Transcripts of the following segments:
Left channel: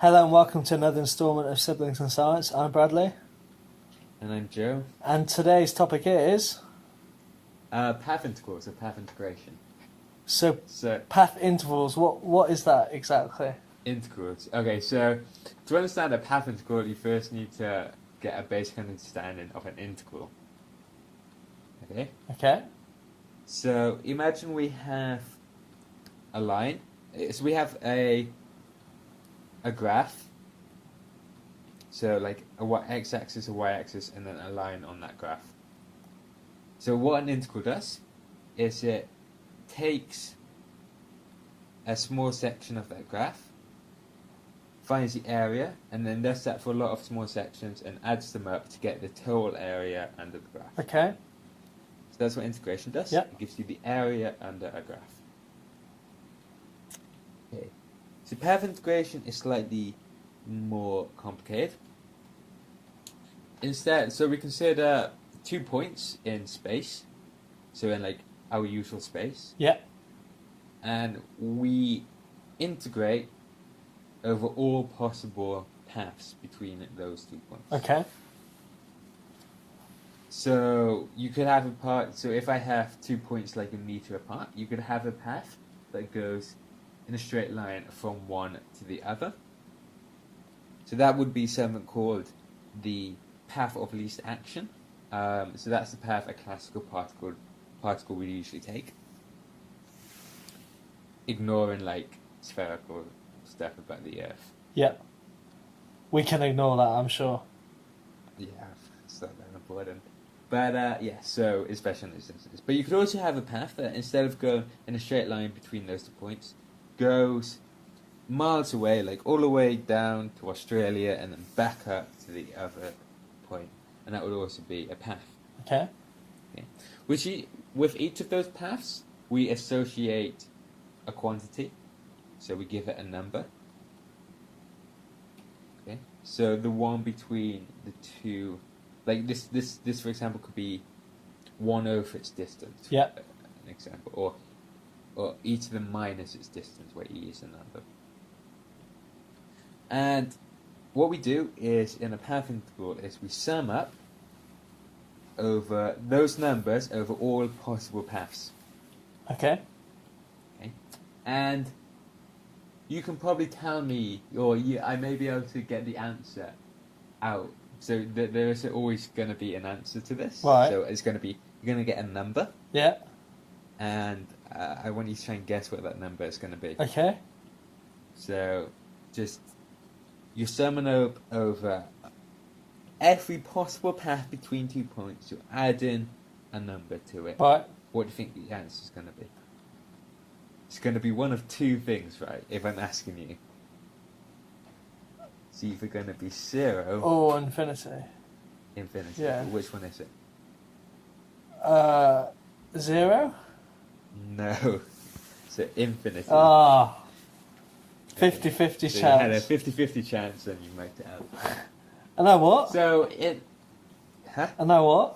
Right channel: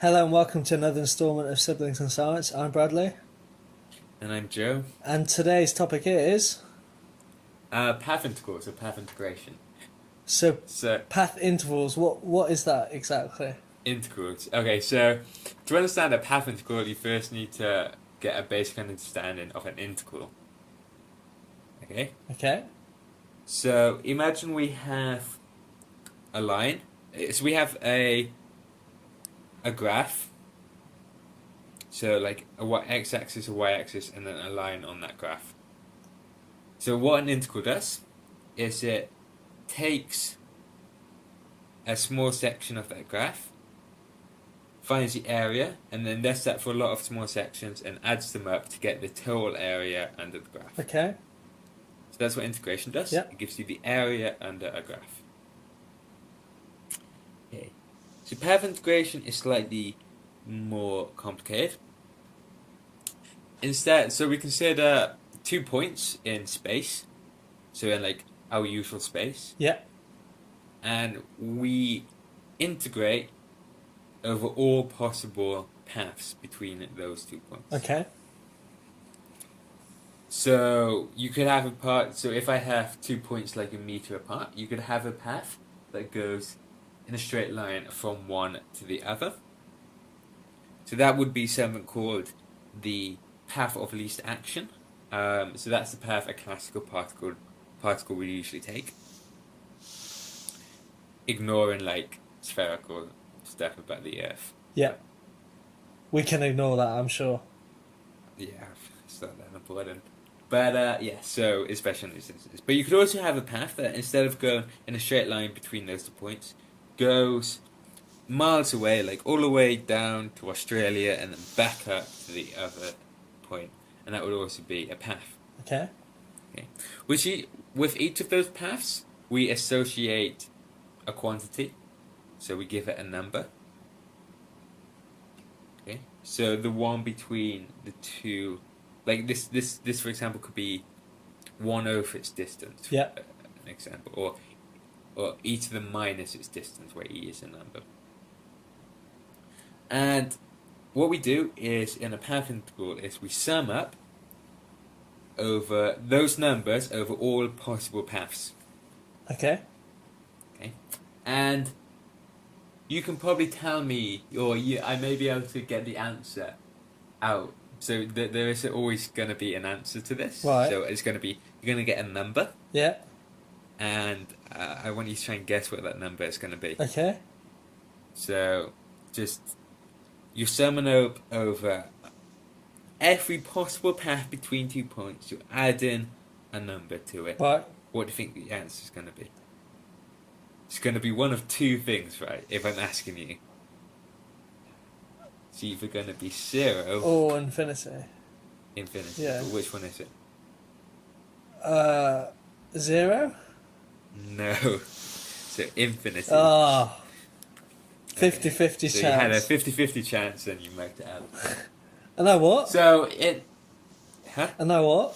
Hello and welcome to another instalment of Siblings in Science. I'm Bradley. And I'm Joe. And today's topic is... Path intercourse or path integration. So, So, path intervals, what is that exactly? intercourse. Okay, so to understand a path integral, you first need to get a basic understanding of an integral. Okay? Okay. So, imagine we have a line. So, we have a graph. So, like a x-axis, a y-axis, and then a line on that graph. So, what an integral does is it takes a small section of that graph, finds the area, and then does that for a lot of small sections and adds them up to get the total area under the graph. Okay. So that's what integration does. Yep. It gives you the area under a graph. Okay. So path integration is slightly more complicated. Instead, so we consider 2 points in space, so in like our usual space. Yep. And we integrate over all possible paths between those 2 points. Okay. So you could have a path. So if I have 2 points like a meter apart, you could have a path that goes in a straight line from one to the other. So that would be something called the path of least action. So that's the path a classical particle would usually take, ignoring like spherical stuff about the Earth. Yep. We can ignore that, I'm sure. Yeah, it's not that important. But yeah, so especially in these instances. But you could also have a path that instead of going in a straight line between those 2 points, goes miles away, like all the way down to Australia and then back up to the other point. And that would also be a path. Okay. With each of those paths, we associate a quantity. So we give it a number. Okay. So the one between the two, like this for example could be 1/over its distance. Yeah. An example, or e to the minus its distance, where e is a number. And what we do is in a path integral is we sum up over those numbers over all possible paths. Okay. Okay. And you can probably tell me, or I may be able to get the answer out. So there is always going to be an answer to this. Right. So it's going to be, you're going to get a number. Yeah. And I want you to try and guess what that number is going to be. Okay. So just, you're summing up over every possible path between 2 points. You're adding a number to it. Right. What do you think the answer is going to be? It's going to be one of two things, right? If I'm asking you. It's either going to be 0 Or infinity. infinity. Yeah. But which one is it? 0? No. So infinity. Ah. 50-50 chance. So you had a 50-50 chance and you marked it out. And I what? So it... Huh? And I what?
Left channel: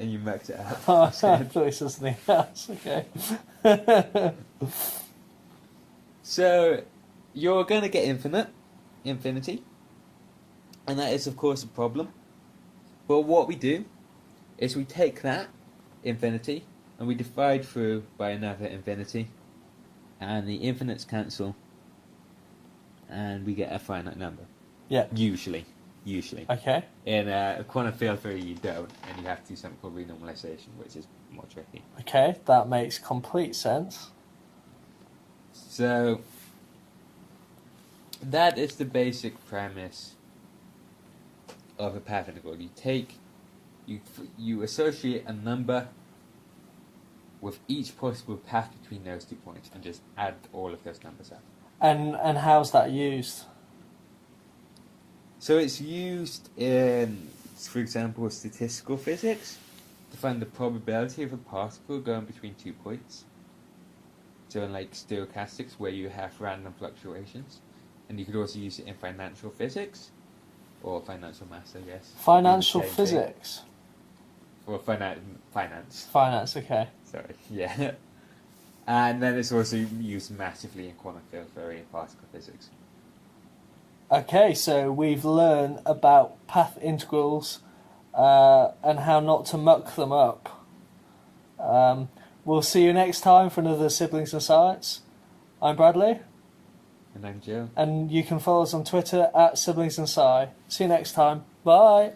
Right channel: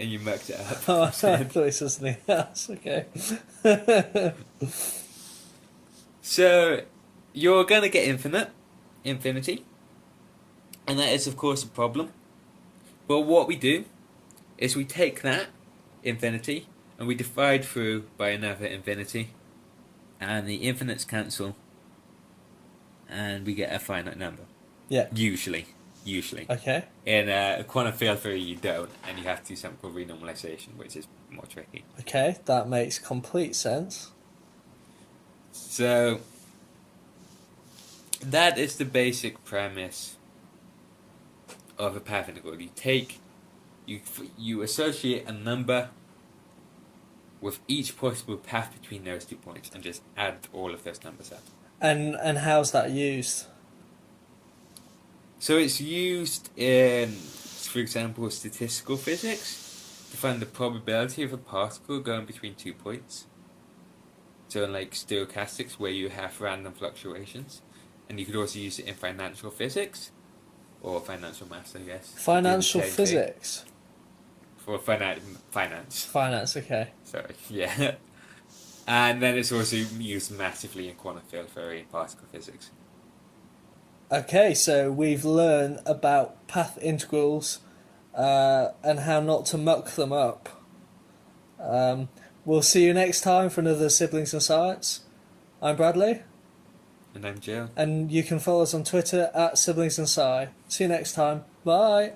And you marked it out. Oh, I thought it was something else. Okay. So you're going to get infinity. And that is of course a problem. But what we do is we take that infinity and we divide through by another infinity. And the infinites cancel. And we get a finite number. Yeah. Usually. Okay. In quantum field theory you don't, and you have to do something called renormalization, which is more tricky. Okay, that makes complete sense. So that is the basic premise of a path integral. You associate a number with each possible path between those 2 points and just add all of those numbers up. And how's that used? So it's used in, for example, statistical physics to find the probability of a particle going between 2 points. So in like stochastics, where you have random fluctuations. And you could also use it in financial physics, or financial maths, I guess. Financial physics? For finance. Finance, okay. Sorry, yeah. And then it's also used massively in quantum field theory and particle physics. Okay, so we've learned about path integrals and how not to muck them up. We'll see you next time for another Siblings in Science. I'm Bradley. And I'm Joe. And you can follow us on Twitter at Siblings in Sci. See you next time. Bye.